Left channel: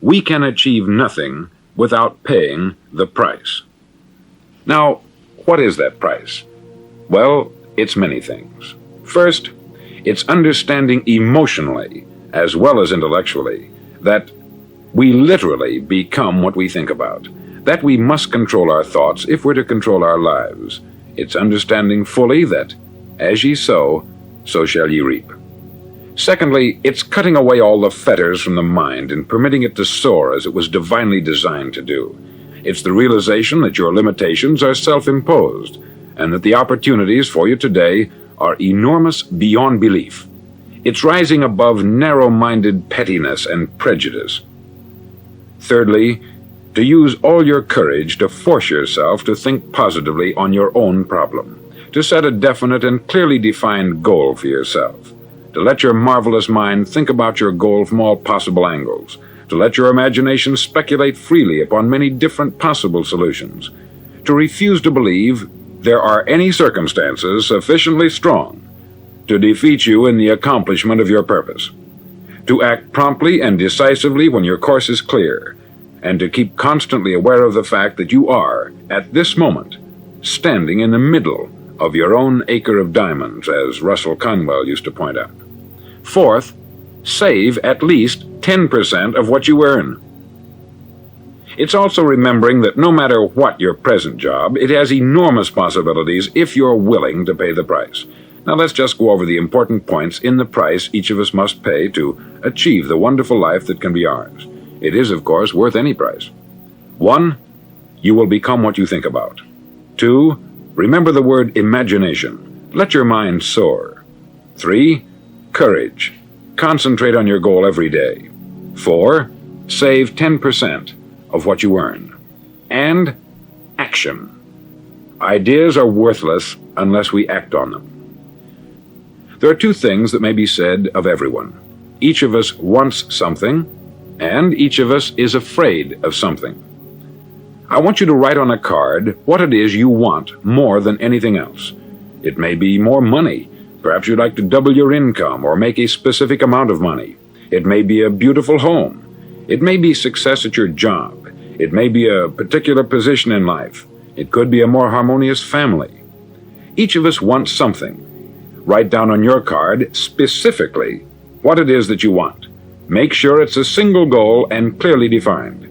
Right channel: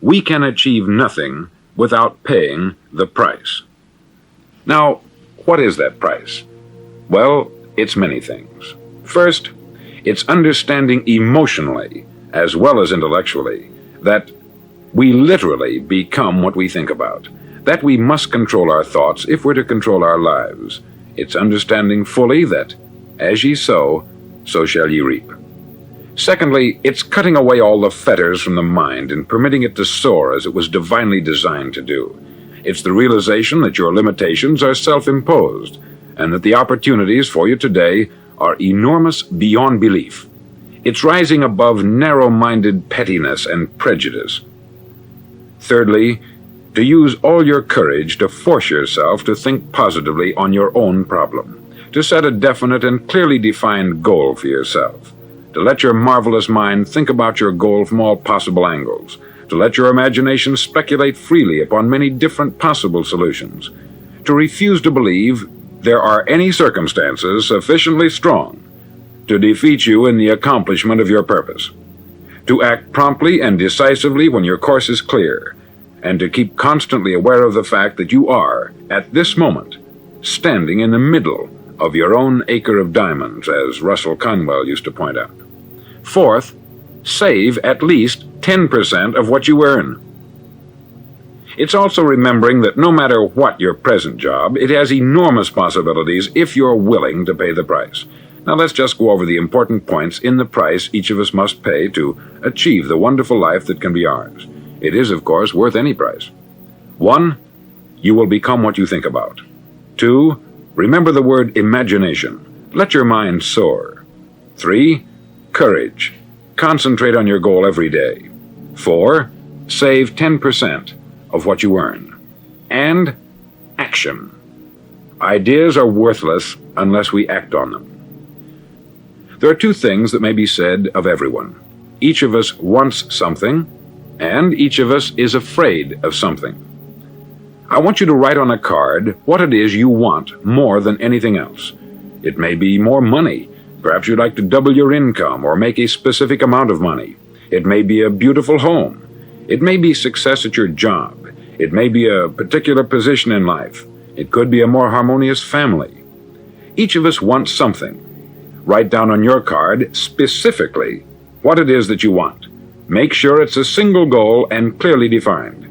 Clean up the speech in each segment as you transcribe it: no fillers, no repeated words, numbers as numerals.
we can achieve nothing without paying the price. Now, what is that price? Well, it's many things. First, it's understanding emotionally, as well as intellectually, that we literally become what we think about, that we must control our thoughts if we're to control our lives. It's understanding fully that, as ye sow, so shall ye reap. Secondly, it's cutting away all the fetters from the mind and permitting it to soar as it was divinely designed to do. It's the realization that your limitations are self-imposed, and that the opportunities for you today are enormous beyond belief. It's rising above narrow-minded pettiness and prejudice. Thirdly, to use all your courage to force yourself to think positively on your own problem, to set a definite and clearly defined goal for yourself, to let your marvelous mind think about your goal from all possible angles, to let your imagination speculate freely upon many different possible solutions, to refuse to believe there are any circumstances sufficiently strong to defeat you in the accomplishment of your purpose, to act promptly and decisively when your course is clear, and to keep constantly aware of the fact that you are, at this moment, standing in the middle of your own acre of diamonds, as Russell Conwell used to point out. Fourth, save at least 10% of what you earn. It's also remembering that no matter what your present job, it has enormous possibilities if you're willing to pay the price. Now let's just go over the important points in the price each of us must pay to achieve the wonderful life that can be ours. It is, of course, worth any price. 1. You will become what you think about. 2. Remember the word imagination. Let your mind soar. 3. Courage. Concentrate on your goal every day. 4. Save 10% of what you earn. And action. Ideas are worthless unless we act on them. There are two things that may be said of everyone. Each of us wants something, and each of us is afraid of something. I want you to write on a card what it is you want more than anything else. It may be more money. Perhaps you'd like to double your income or make a specific amount of money. It may be a beautiful home. It may be success at your job. It may be a particular position in life. It could be a more harmonious family. Each of us wants something. Write down on your card specifically what it is that you want. Make sure it's a single goal and clearly defined.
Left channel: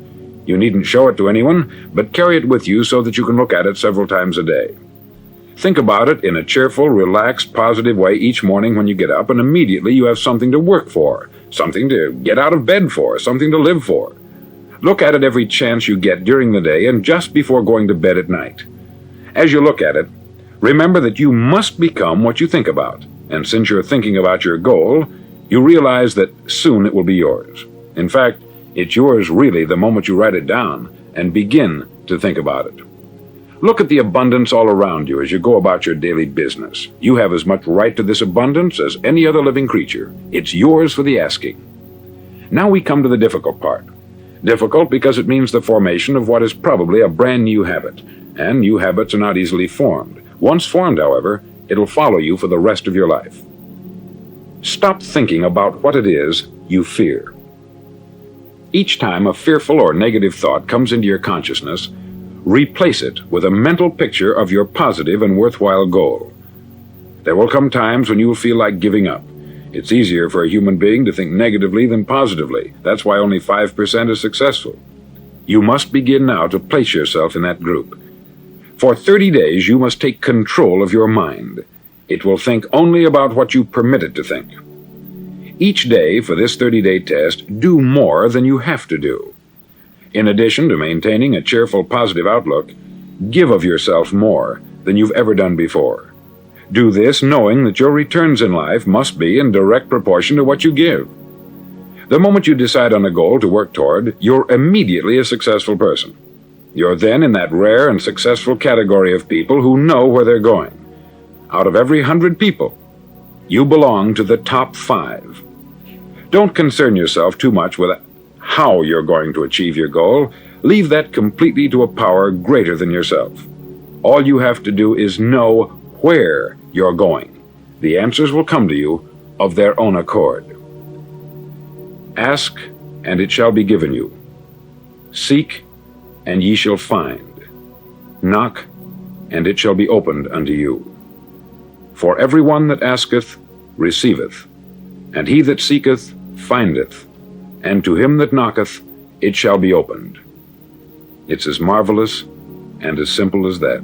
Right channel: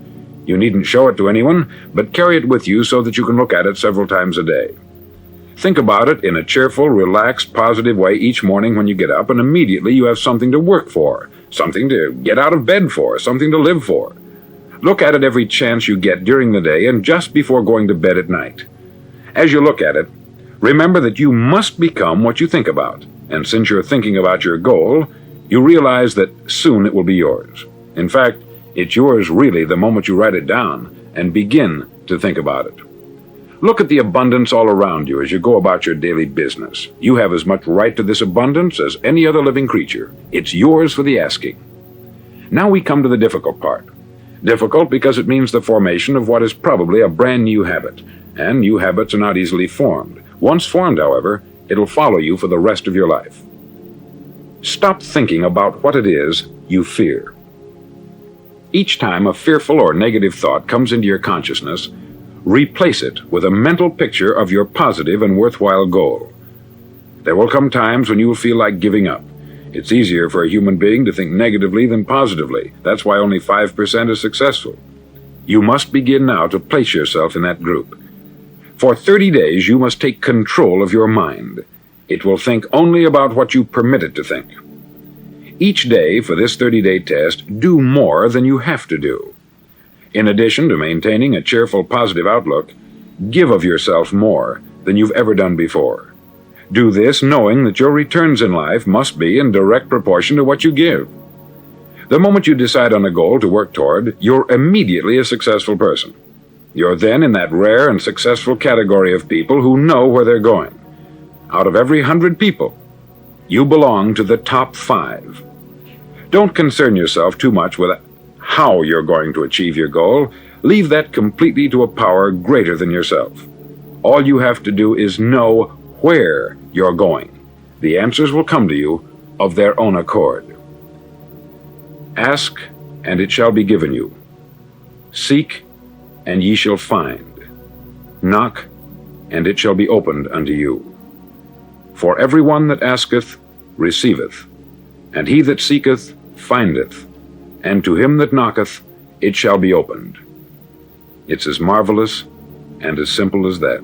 You needn't show it to anyone, but carry it with you so that you can look at it several times a day. Think about it in a cheerful, relaxed, positive way each morning when you get up, and immediately you have something to work for, something to get out of bed for, something to live for. Look at it every chance you get during the day and just before going to bed at night. As you look at it, remember that you must become what you think about, and since you're thinking about your goal, you realize that soon it will be yours. In fact, it's yours really the moment you write it down and begin to think about it. Look at the abundance all around you as you go about your daily business. You have as much right to this abundance as any other living creature. It's yours for the asking. Now we come to the difficult part. Difficult because it means the formation of what is probably a brand new habit, and new habits are not easily formed. Once formed, however, it'll follow you for the rest of your life. Stop thinking about what it is you fear. Each time a fearful or negative thought comes into your consciousness, replace it with a mental picture of your positive and worthwhile goal. There will come times when you will feel like giving up. It's easier for a human being to think negatively than positively. That's why only 5% is successful. You must begin now to place yourself in that group. For 30 days, you must take control of your mind. It will think only about what you permit it to think. Each day for this 30-day test, do more than you have to do. In addition to maintaining a cheerful, positive outlook, give of yourself more than you've ever done before. Do this knowing that your returns in life must be in direct proportion to what you give. The moment you decide on a goal to work toward, you're immediately a successful person. You're then in that rare and successful category of people who know where they're going. Out of every 100 people, you belong to the top 5. Don't concern yourself too much with how you're going to achieve your goal. Leave that completely to a power greater than yourself. All you have to do is know where you're going. The answers will come to you of their own accord. Ask and it shall be given you. Seek, and ye shall find. Knock, and it shall be opened unto you. For every one that asketh receiveth, and he that seeketh findeth, and to him that knocketh it shall be opened. It's as marvelous and as simple as that.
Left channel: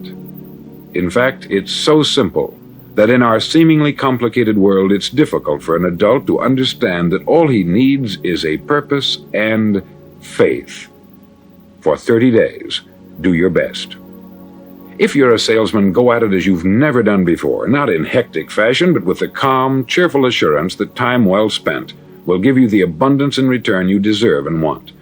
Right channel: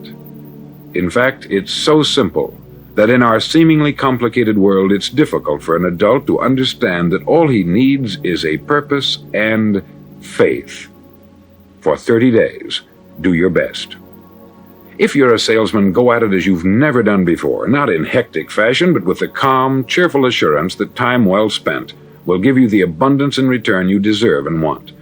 In fact, it's so simple that in our seemingly complicated world it's difficult for an adult to understand that all he needs is a purpose and faith. For 30 days, do your best. If you're a salesman, go at it as you've never done before, not in hectic fashion, but with the calm, cheerful assurance that time well spent will give you the abundance in return you deserve and want.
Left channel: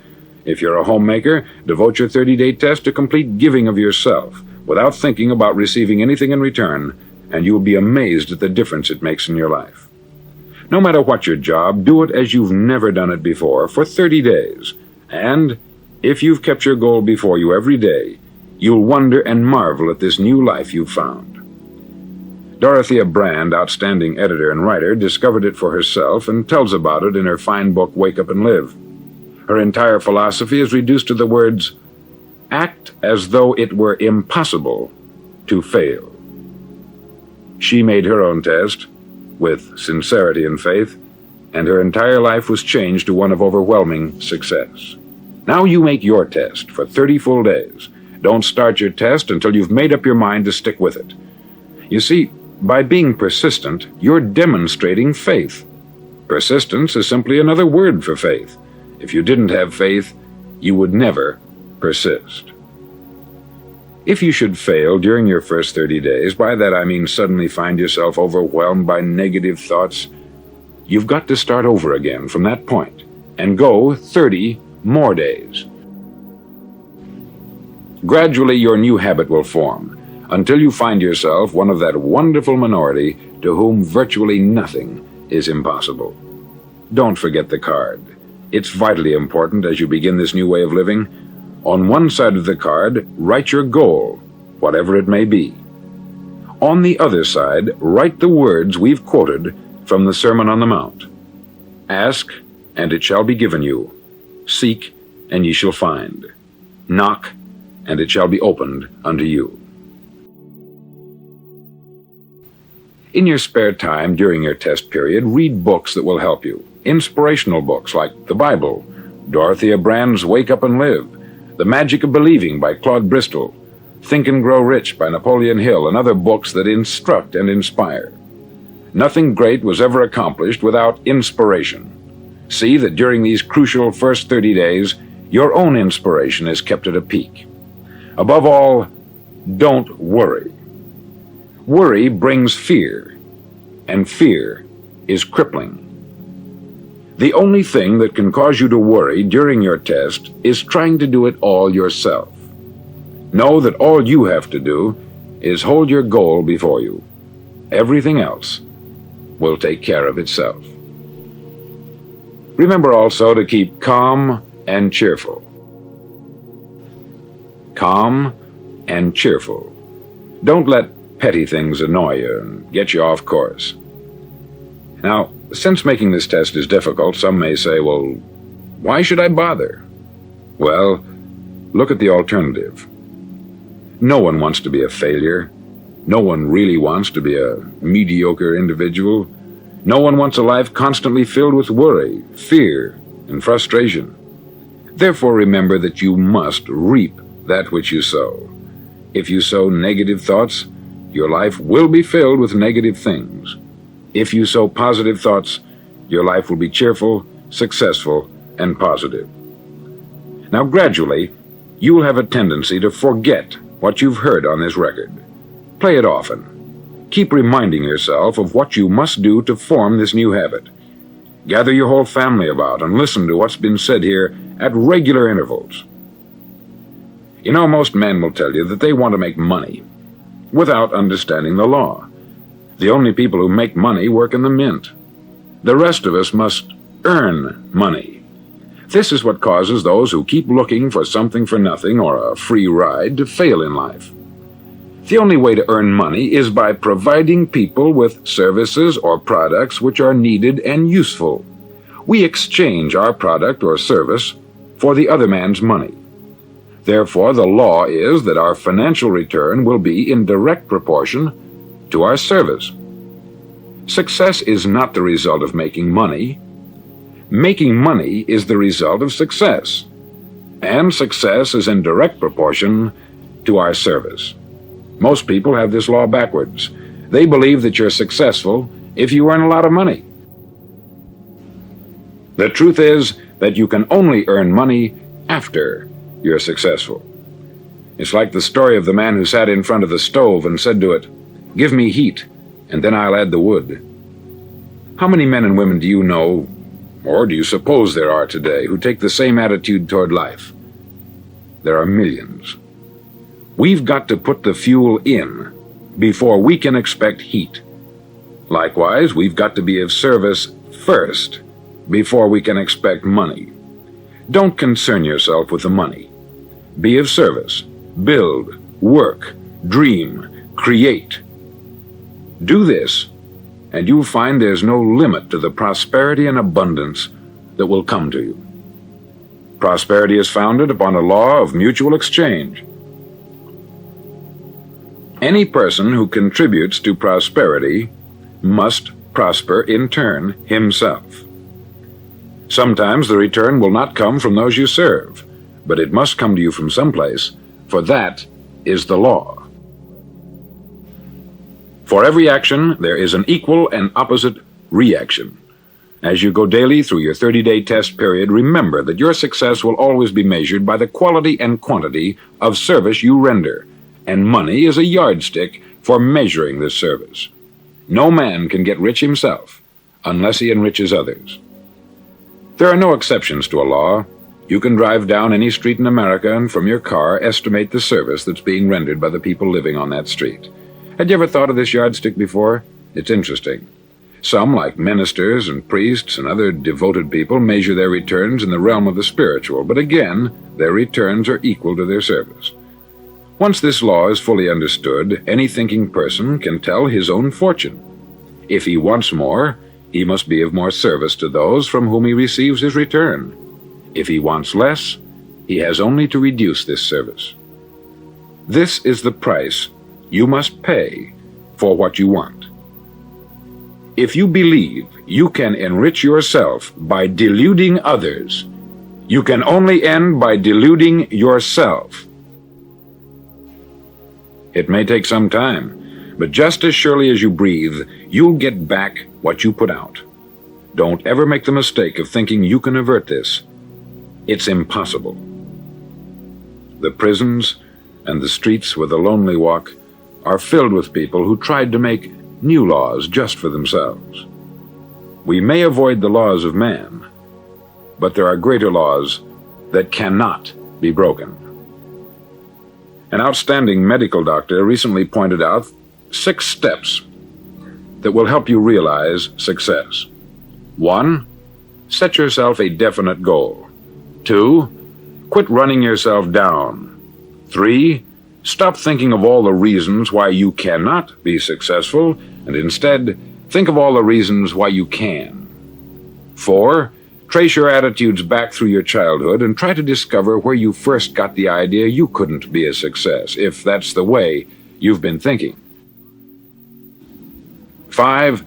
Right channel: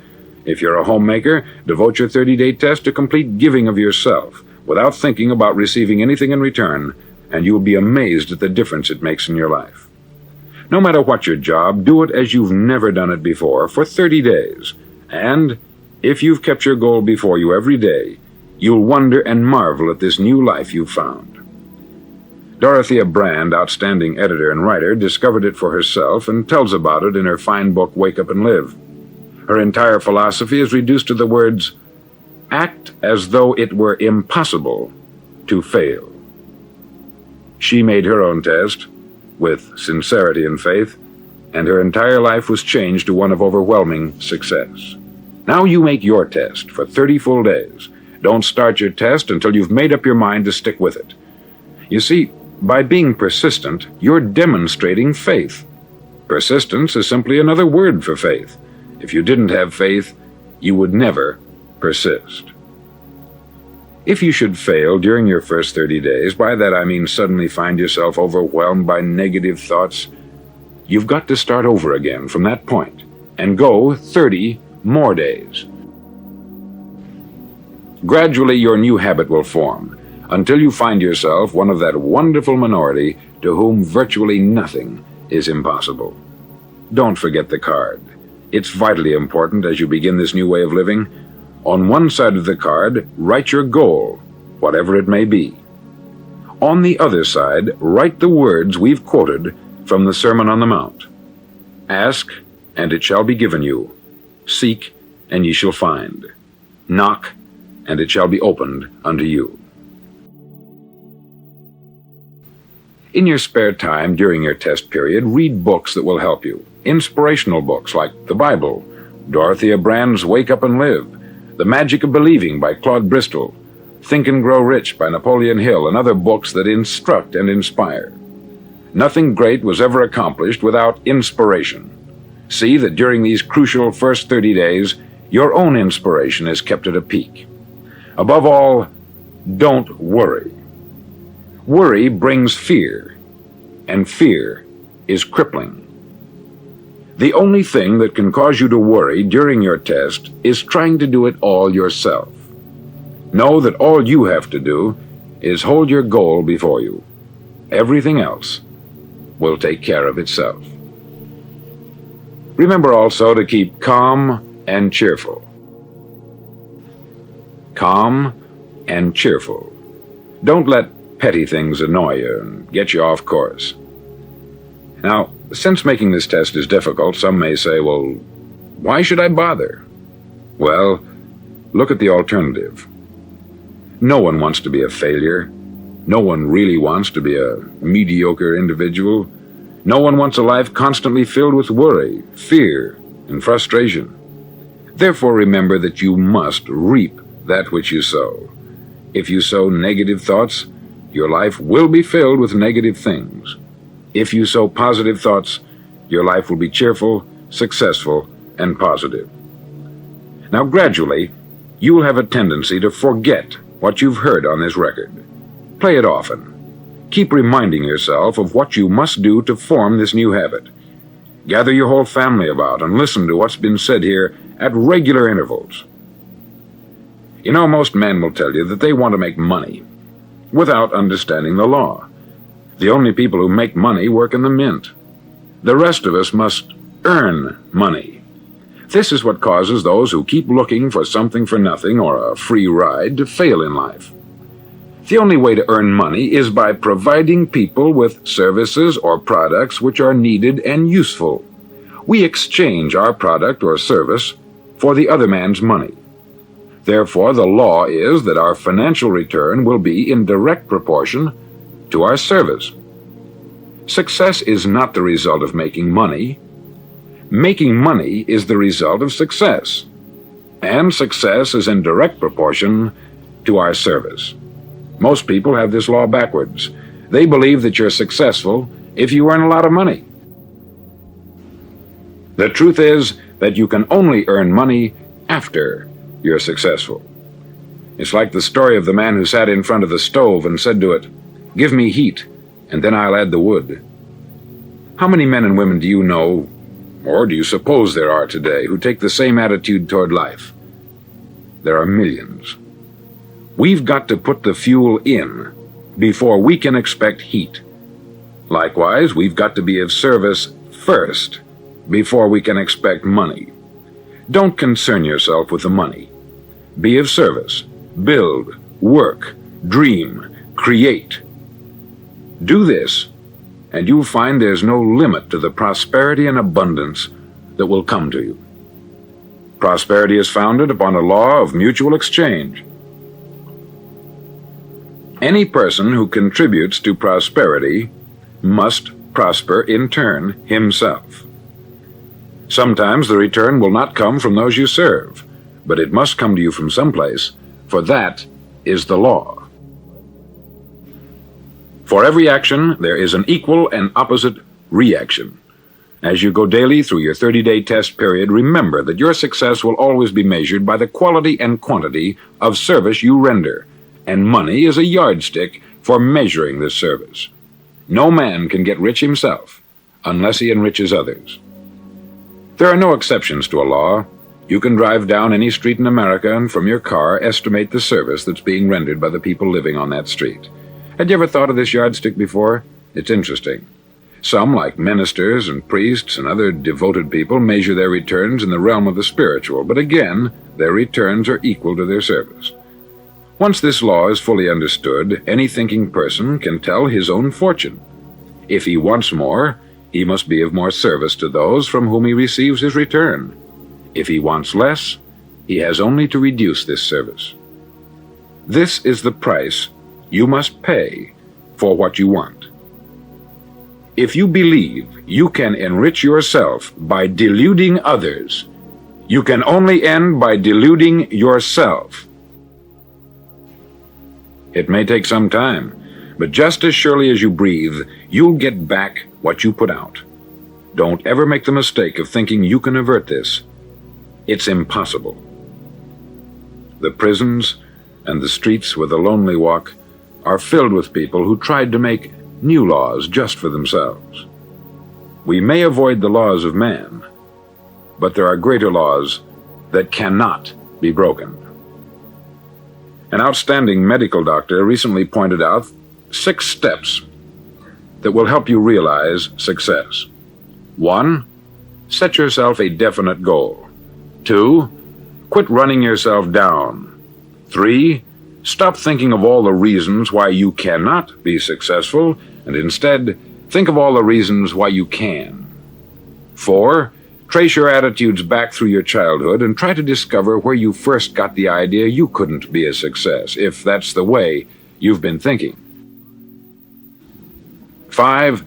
If you're a homemaker, devote your 30-day test to complete giving of yourself, without thinking about receiving anything in return, and you will be amazed at the difference it makes in your life. No matter what your job, do it as you've never done it before for 30 days. And if you've kept your goal before you every day, you'll wonder and marvel at this new life you've found. Dorothea Brand, outstanding editor and writer, discovered it for herself and tells about it in her fine book, Wake Up and Live. Her entire philosophy is reduced to the words, act as though it were impossible to fail. She made her own test with sincerity and faith, and her entire life was changed to one of overwhelming success. Now you make your test for 30 full days. Don't start your test until you've made up your mind to stick with it. You see, by being persistent, you're demonstrating faith. Persistence is simply another word for faith. If you didn't have faith, you would never persist. If you should fail during your first 30 days, by that I mean suddenly find yourself overwhelmed by negative thoughts, you've got to start over again from that point and go 30 more days. Gradually, your new habit will form until you find yourself one of that wonderful minority to whom virtually nothing is impossible. Don't forget the card. It's vitally important as you begin this new way of living. On one side of the card, write your goal, whatever it may be. On the other side, write the words we've quoted from the Sermon on the Mount. Ask, and it shall be given you. Seek, and ye shall find. Knock, and it shall be opened unto you. In your spare time during your test period, read books that will help you. Inspirational books like the Bible, Dorothea Brand's Wake Up and Live, The Magic of Believing by Claude Bristol, Think and Grow Rich by Napoleon Hill, and other books that instruct and inspire. Nothing great was ever accomplished without inspiration. See that during these crucial first 30 days, your own inspiration is kept at a peak. Above all, don't worry. Worry brings fear, and fear is crippling. The only thing that can cause you to worry during your test is trying to do it all yourself. Know that all you have to do is hold your goal before you. Everything else will take care of itself. Remember also to keep calm and cheerful. Calm and cheerful. Don't let petty things annoy you and get you off course. Now, since making this test is difficult, some may say, well, why should I bother? Well, look at the alternative. No one wants to be a failure. No one really wants to be a mediocre individual. No one wants a life constantly filled with worry, fear, and frustration. Therefore, remember that you must reap that which you sow. If you sow negative thoughts, your life will be filled with negative things. If you sow positive thoughts, your life will be cheerful, successful, and positive. Now, gradually, you will have a tendency to forget what you've heard on this record. Play it often. Keep reminding yourself of what you must do to form this new habit. Gather your whole family about and listen to what's been said here at regular intervals. You know, most men will tell you that they want to make money without understanding the law. The only people who make money work in the mint. The rest of us must earn money. This is what causes those who keep looking for something for nothing or a free ride to fail in life. The only way to earn money is by providing people with services or products which are needed and useful. We exchange our product or service for the other man's money. Therefore, the law is that our financial return will be in direct proportion to our service. Success is not the result of making money. Making money is the result of success, and success is in direct proportion to our service. Most people have this law backwards. They believe that you're successful if you earn a lot of money. The truth is that you can only earn money after you're successful. It's like the story of the man who sat in front of the stove and said to it, "Give me heat, and then I'll add the wood." How many men and women do you know, or do you suppose there are today, who take the same attitude toward life? There are millions. We've got to put the fuel in before we can expect heat. Likewise, we've got to be of service first before we can expect money. Don't concern yourself with the money. Be of service. Build, work, dream, create. Do this, and you'll find there's no limit to the prosperity and abundance that will come to you. Prosperity is founded upon a law of mutual exchange. Any person who contributes to prosperity must prosper in turn himself. Sometimes the return will not come from those you serve, but it must come to you from someplace, for that is the law. For every action, there is an equal and opposite reaction. As you go daily through your 30-day test period, remember that your success will always be measured by the quality and quantity of service you render, and money is a yardstick for measuring this service. No man can get rich himself unless he enriches others. There are no exceptions to a law. You can drive down any street in America and from your car estimate the service that's being rendered by the people living on that street. Had you ever thought of this yardstick before? It's interesting. Some, like ministers and priests and other devoted people, measure their returns in the realm of the spiritual, but again, their returns are equal to their service. Once this law is fully understood, any thinking person can tell his own fortune. If he wants more, he must be of more service to those from whom he receives his return. If he wants less, he has only to reduce this service. This is the price you must pay for what you want. If you believe you can enrich yourself by deluding others, you can only end by deluding yourself. It may take some time, but just as surely as you breathe, you'll get back what you put out. Don't ever make the mistake of thinking you can avert this. It's impossible. The prisons and the streets where the lonely walk are filled with people who tried to make new laws just for themselves. We may avoid the laws of man, but there are greater laws that cannot be broken. An outstanding medical doctor recently pointed out 6 steps that will help you realize success. 1. Set yourself a definite goal. 2. Quit running yourself down. 3. Stop thinking of all the reasons why you cannot be successful, and instead think of all the reasons why you can. 4. Trace your attitudes back through your childhood and try to discover where you first got the idea you couldn't be a success, if that's the way you've been thinking. 5.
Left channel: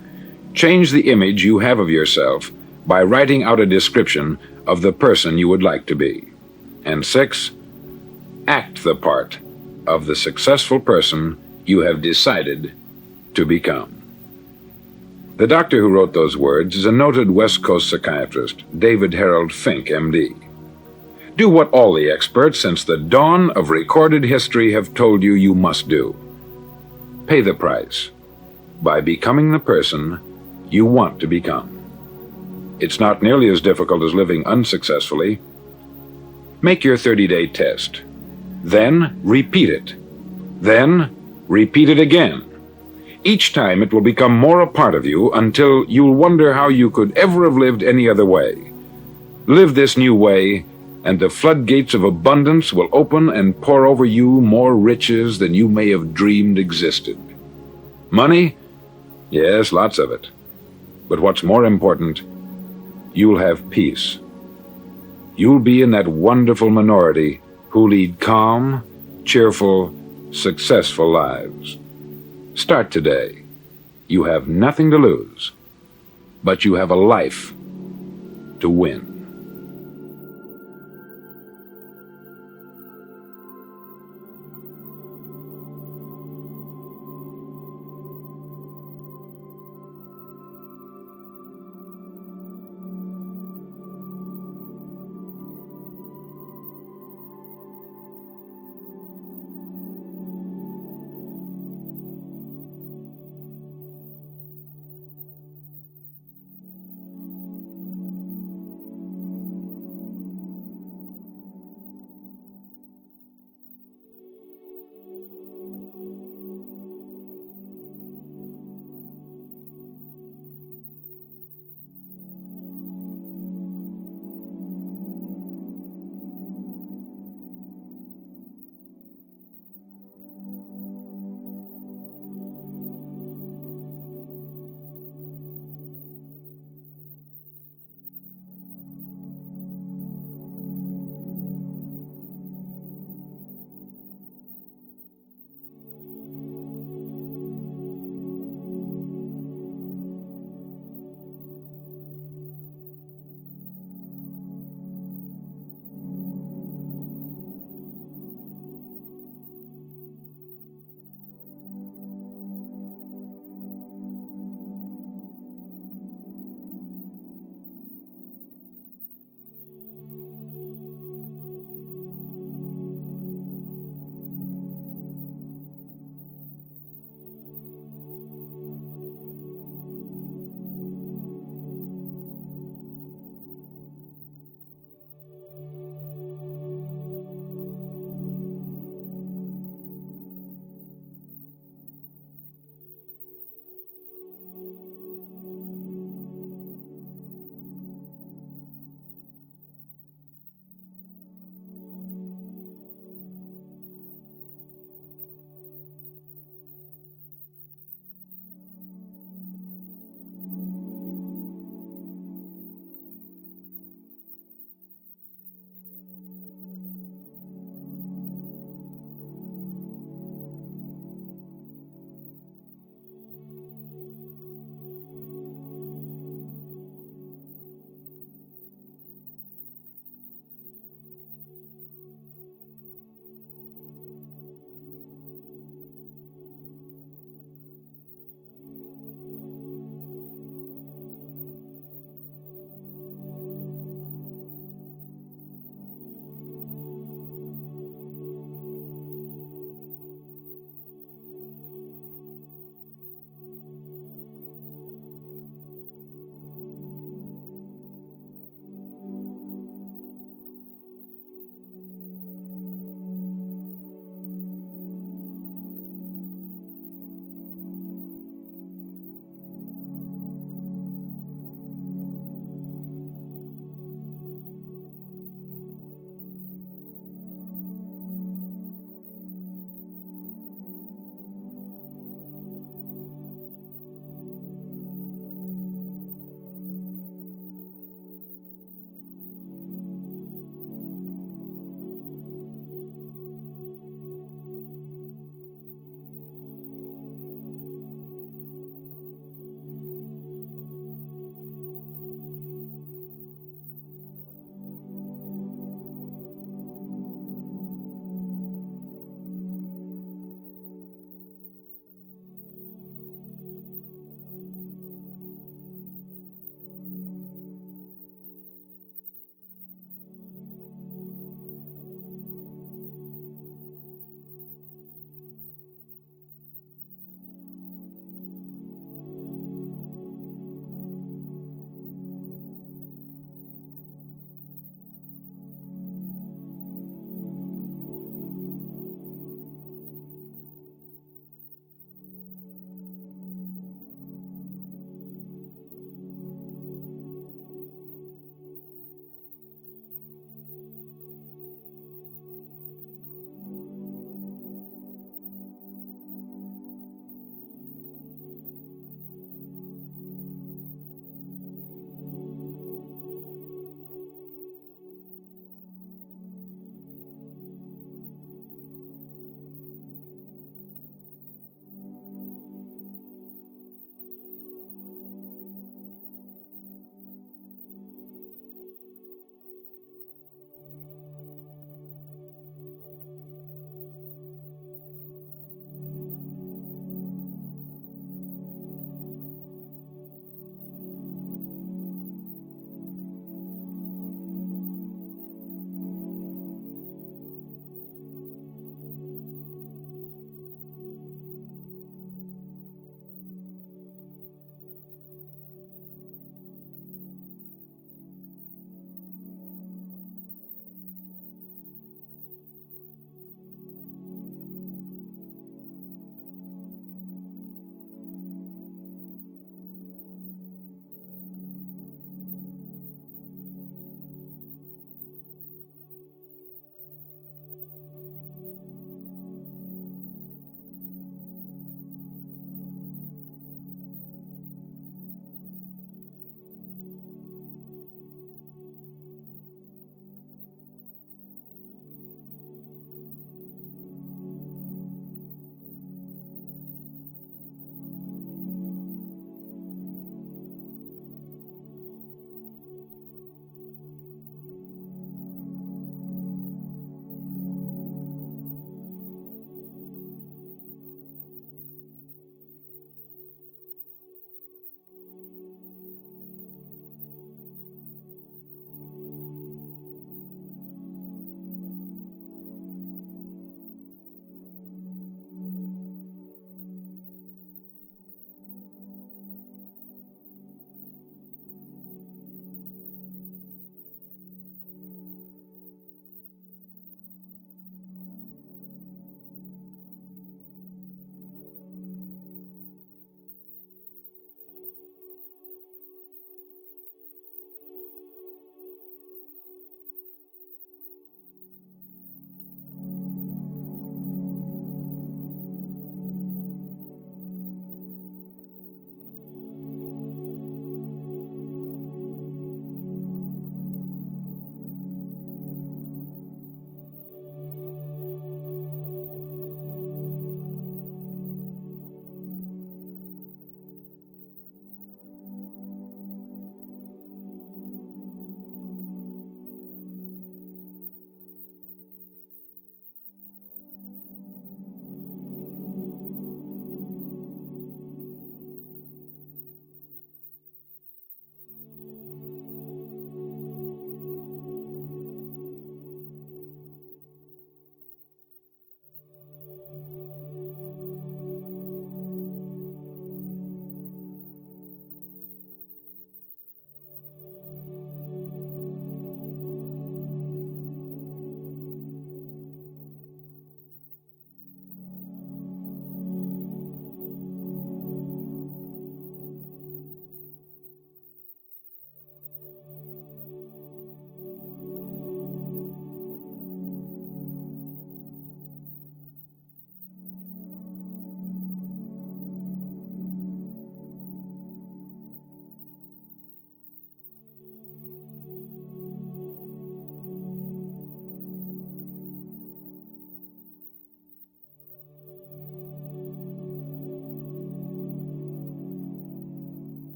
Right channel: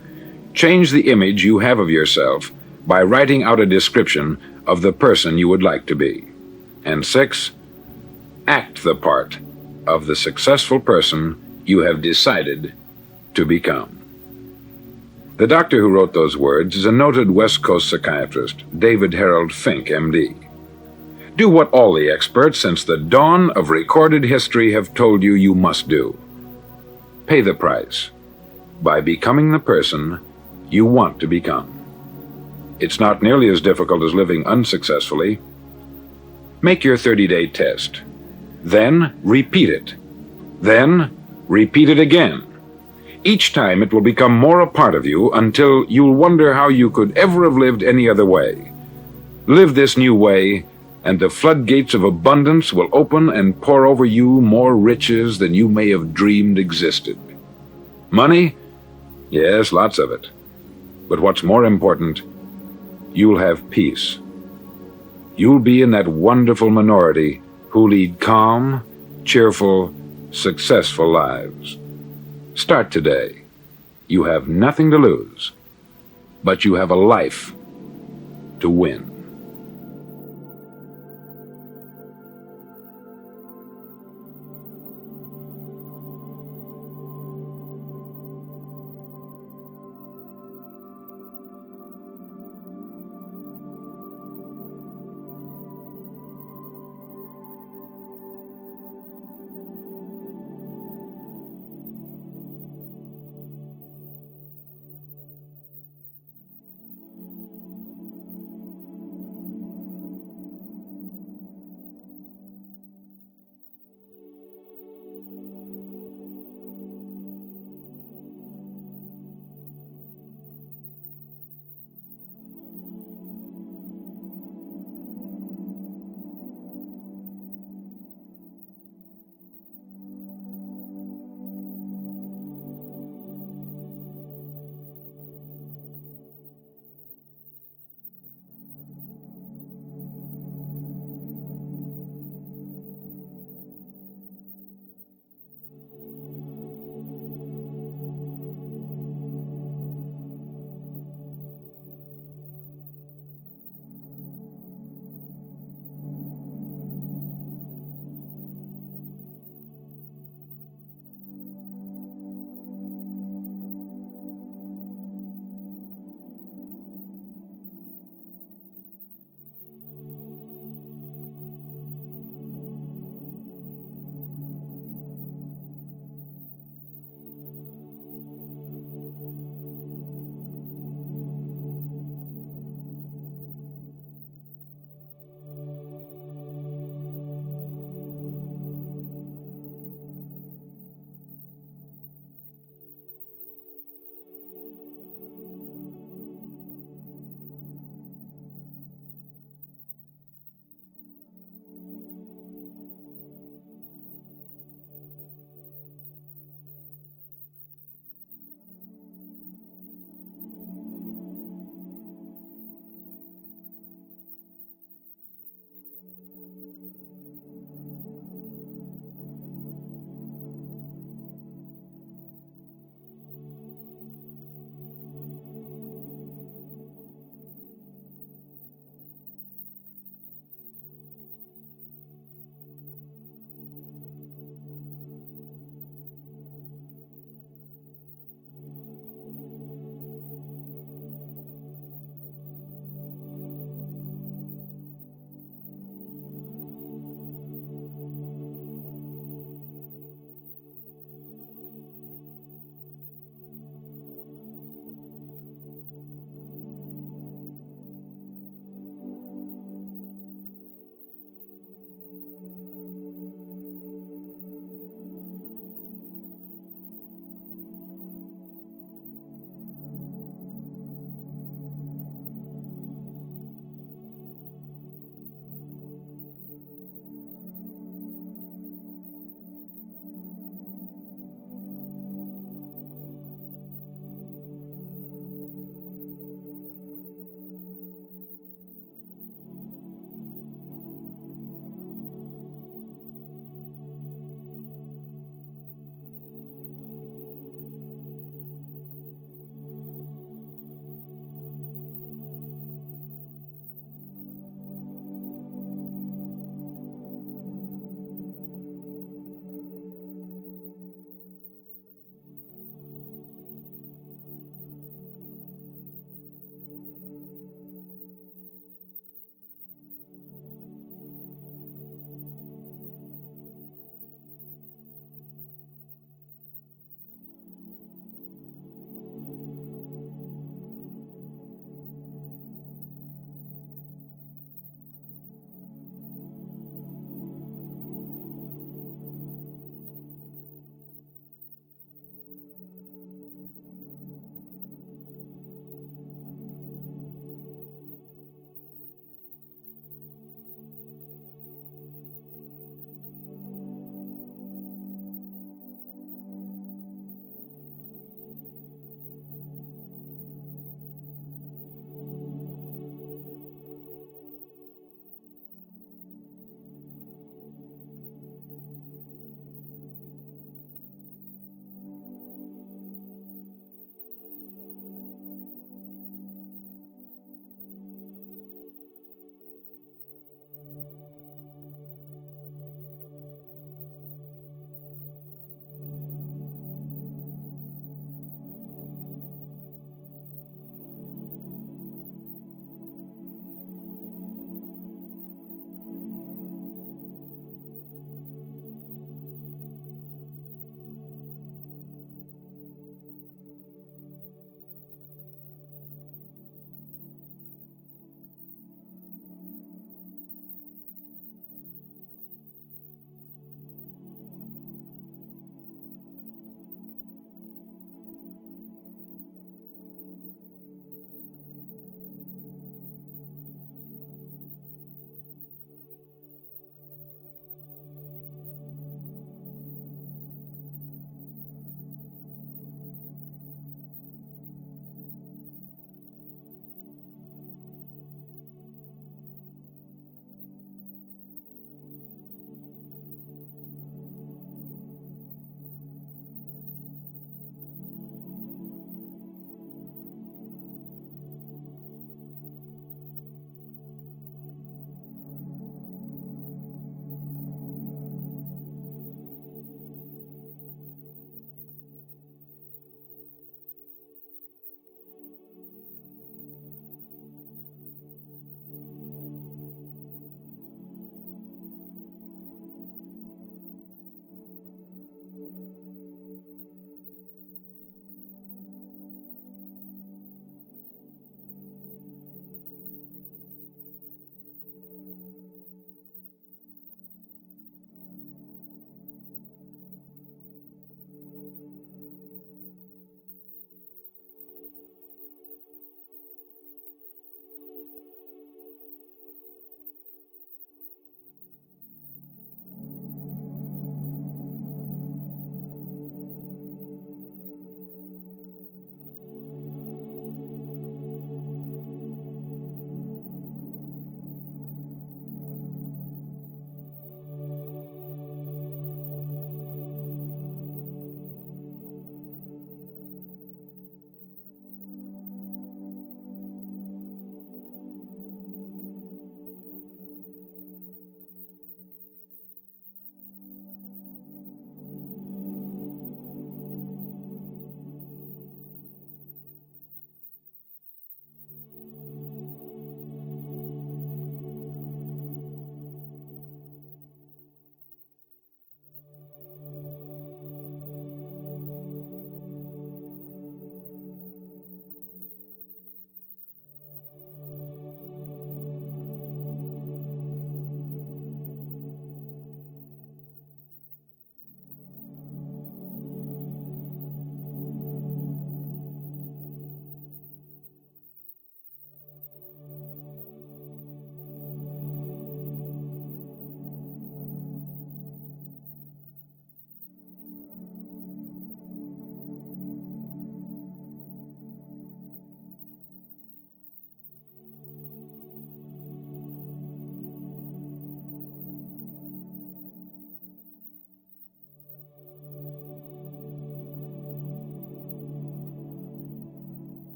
Change the image you have of yourself by writing out a description of the person you would like to be. And 6. Act the part of the successful person you have decided to become. The doctor who wrote those words is a noted West Coast psychiatrist, David Harold Fink, M.D. Do what all the experts since the dawn of recorded history have told you you must do. Pay the price by becoming the person you want to become. It's not nearly as difficult as living unsuccessfully. Make your 30-day test. Then repeat it. Then repeat it again. Each time it will become more a part of you until you'll wonder how you could ever have lived any other way. Live this new way, and the floodgates of abundance will open and pour over you more riches than you may have dreamed existed. Money? Yes, lots of it. But what's more important, you'll have peace. You'll be in that wonderful minority who lead calm, cheerful, successful lives. Start today. You have nothing to lose, but you have a life to win.